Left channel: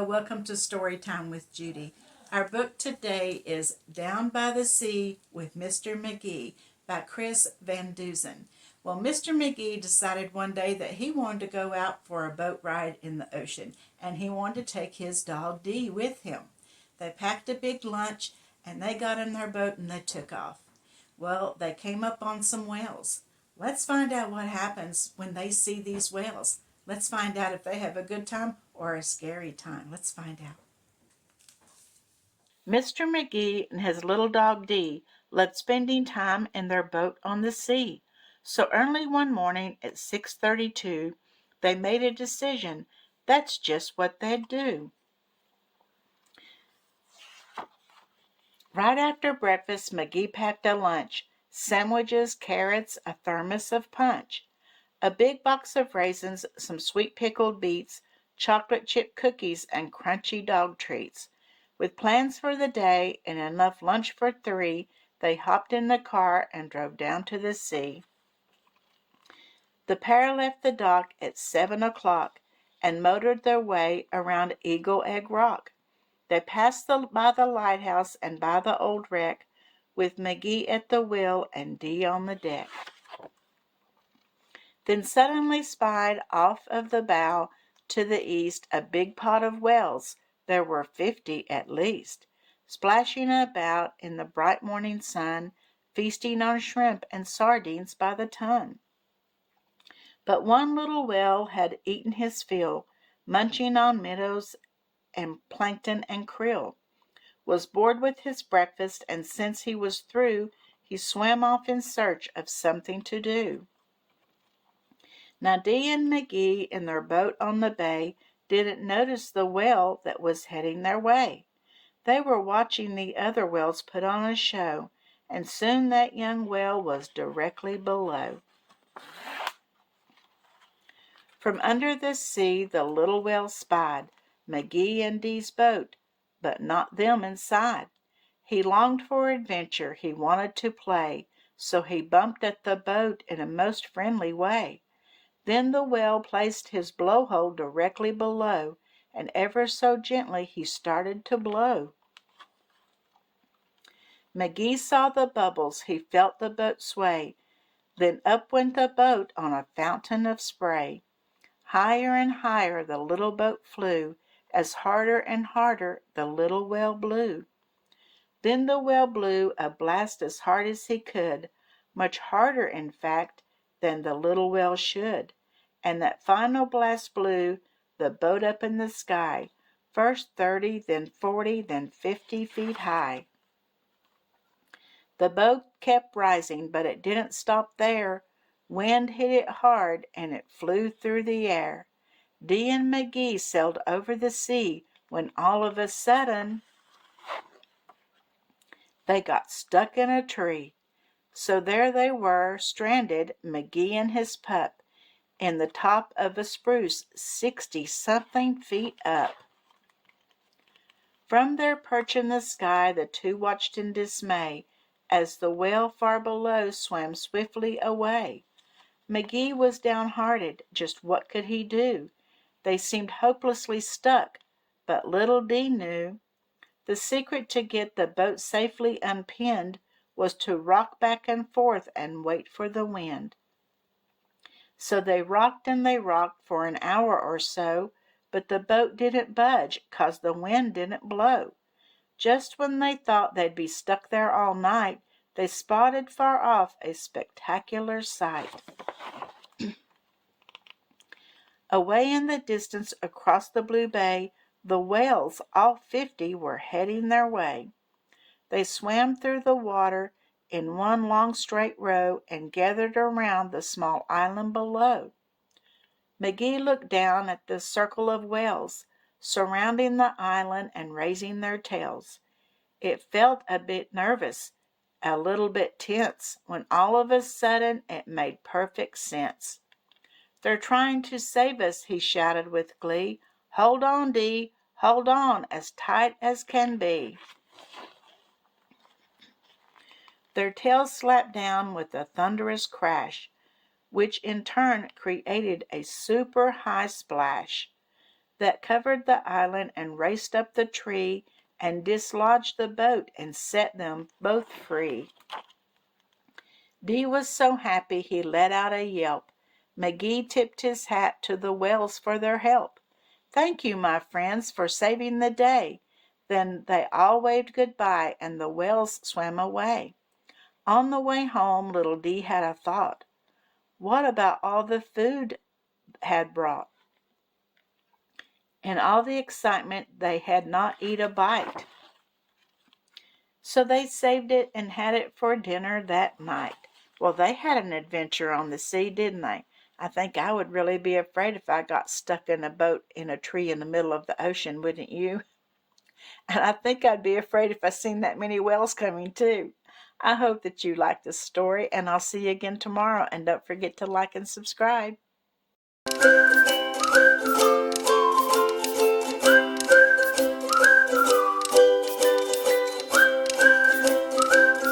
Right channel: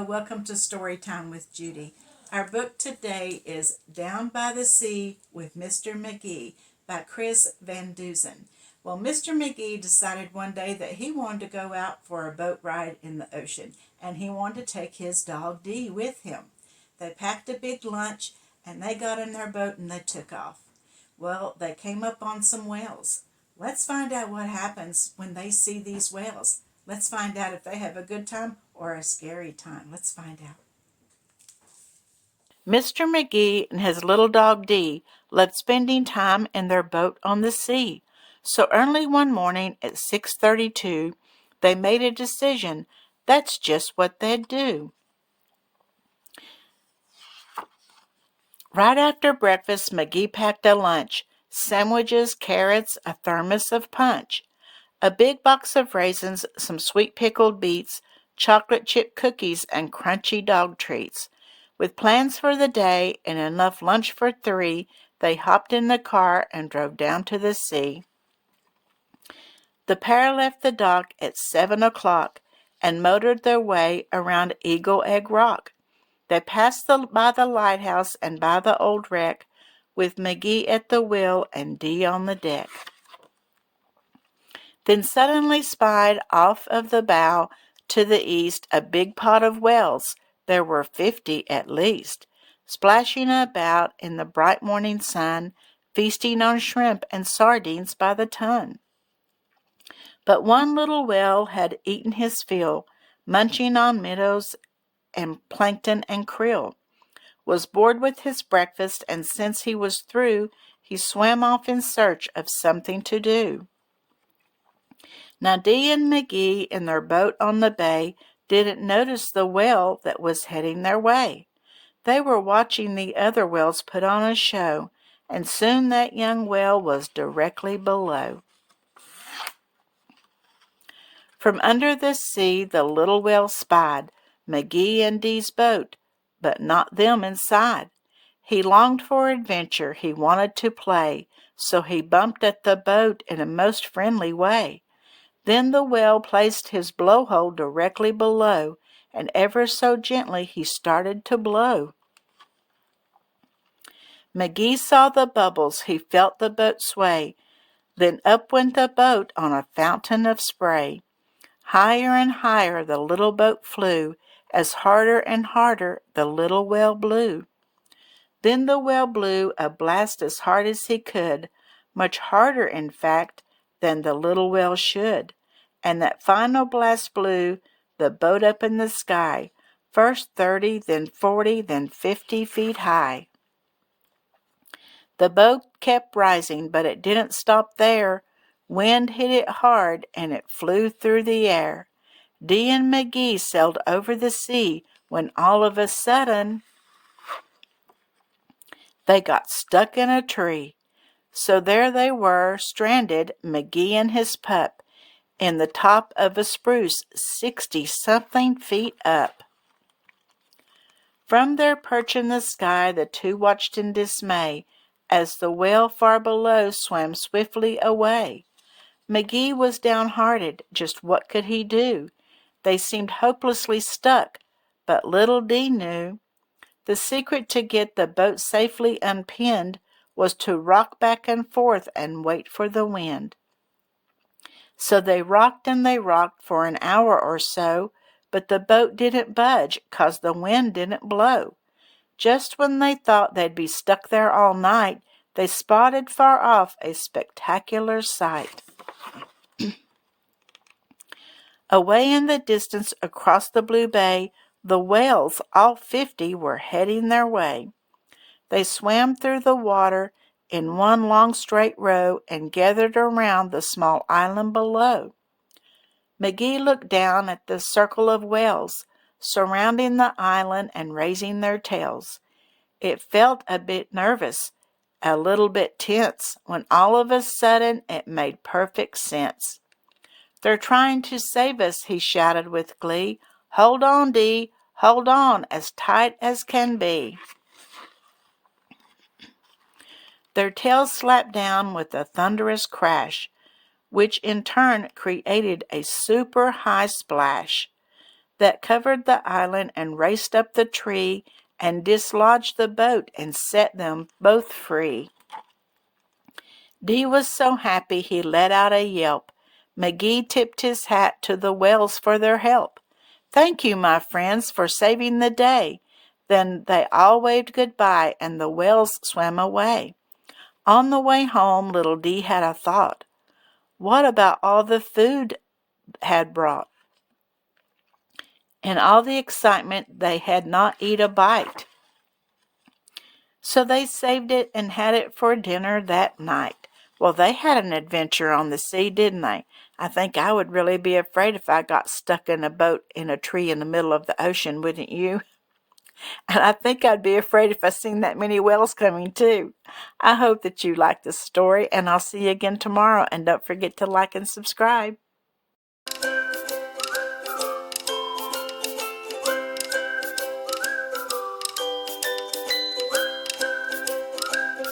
Hello, welcome to Storytime with Judy. Our book today is Down by the Sea with Mr. Mghee by Chris Van Dusen. Well, Mr. Mghee decided one day that he wanted to go out for a boat ride in the ocean, and he wanted to take his dog Dee with him. They packed a big lunch, and they got in their boat and they took off. Well, they came up on some whales. Let's find out what happens when they see these whales. Let's find out if they have a good time or a scary time. Let's find out. Mr. Mghee and his little dog Dee loved spending time in their boat on the sea. So early one morning at 6:32, they made a decision. That's just what they'd do. Right after breakfast, Mghee packed a lunch: sandwiches, carrots, a thermos of punch, a big box of raisins, some sweet pickled beets, chocolate chip cookies, and crunchy dog treats. With plans for the day and enough lunch for three, they hopped in the car and drove down to the sea. The pair left the dock at 7 o'clock and motored their way around Eagle Egg Rock. They passed by the lighthouse and by the old wreck, with Mghee at the wheel and Dee on the deck. Then suddenly spied off of the bow to the east a big pot of whales. There were 50 at least, splashing about in the bright morning sun, feasting on shrimp and sardines by the ton. But one little whale had eaten his fill, munching on minnows and plankton and krill, was bored with his breakfast, and since he was through, he swam off in search of something to do. Now Dee and Mghee in their boat on the bay didn't notice the whale that was heading their way. They were watching the other whales put on a show, and soon that young whale was directly below. From under the sea the little whale spied Mghee and Dee's boat, but not them inside. He longed for adventure, he wanted to play, so he bumped at the boat in a most friendly way. Then the whale placed his blowhole directly below, and ever so gently he started to blow. Mghee saw the bubbles, he felt the boat sway, then up went the boat on a fountain of spray. Higher and higher the little boat flew, as harder and harder the little whale blew. Then the whale blew a blast as hard as he could, much harder, in fact, than the little whale should. And that final blast blew the boat up in the sky, first 30, then 40, then 50 feet high. The boat kept rising, but it didn't stop there. Wind hit it hard, and it flew through the air. Dee and Mghee sailed over the sea, when all of a sudden they got stuck in a tree. So there they were, stranded, Mghee and his pup, in the top of a spruce 60-something feet up. From their perch in the sky the two watched in dismay as the whale far below swam swiftly away. Mghee was downhearted. Just what could he do? They seemed hopelessly stuck, but little Dee knew. The secret to get the boat safely unpinned was to rock back and forth and wait for the wind. So they rocked and they rocked for an hour or so, but the boat didn't budge 'cause the wind didn't blow. Just when they thought they'd be stuck there all night, they spotted far off a spectacular sight. Away in the distance across the blue bay, the whales, all 50, were heading their way. They swam through the water in one long straight row and gathered around the small island below. Mghee looked down at the circle of whales surrounding the island and raising their tails. It felt a bit nervous, a little bit tense, when all of a sudden it made perfect sense. "They're trying to save us," he shouted with glee. "Hold on, Dee, hold on as tight as can be." Their tails slapped down with a thunderous crash, which in turn created a super high splash. that covered the island and raced up the tree and dislodged the boat and set them both free. Dee was so happy he let out a yelp. Mghee tipped his hat to the whales for their help. "Thank you, my friends, for saving the day." Then they all waved goodbye and the whales swam away. On the way home, little Dee had a thought. What about all the food had brought? In all the excitement, they had not eat a bite. So they saved it and had it for dinner that night. Well, they had an adventure on the sea, didn't they? I think I would really be afraid if I got stuck in a boat in a tree in the middle of the ocean, wouldn't you? And I think I'd be afraid if I seen that many whales coming too. I hope that you liked this story, and I'll see you again tomorrow. And don't forget to like and subscribe.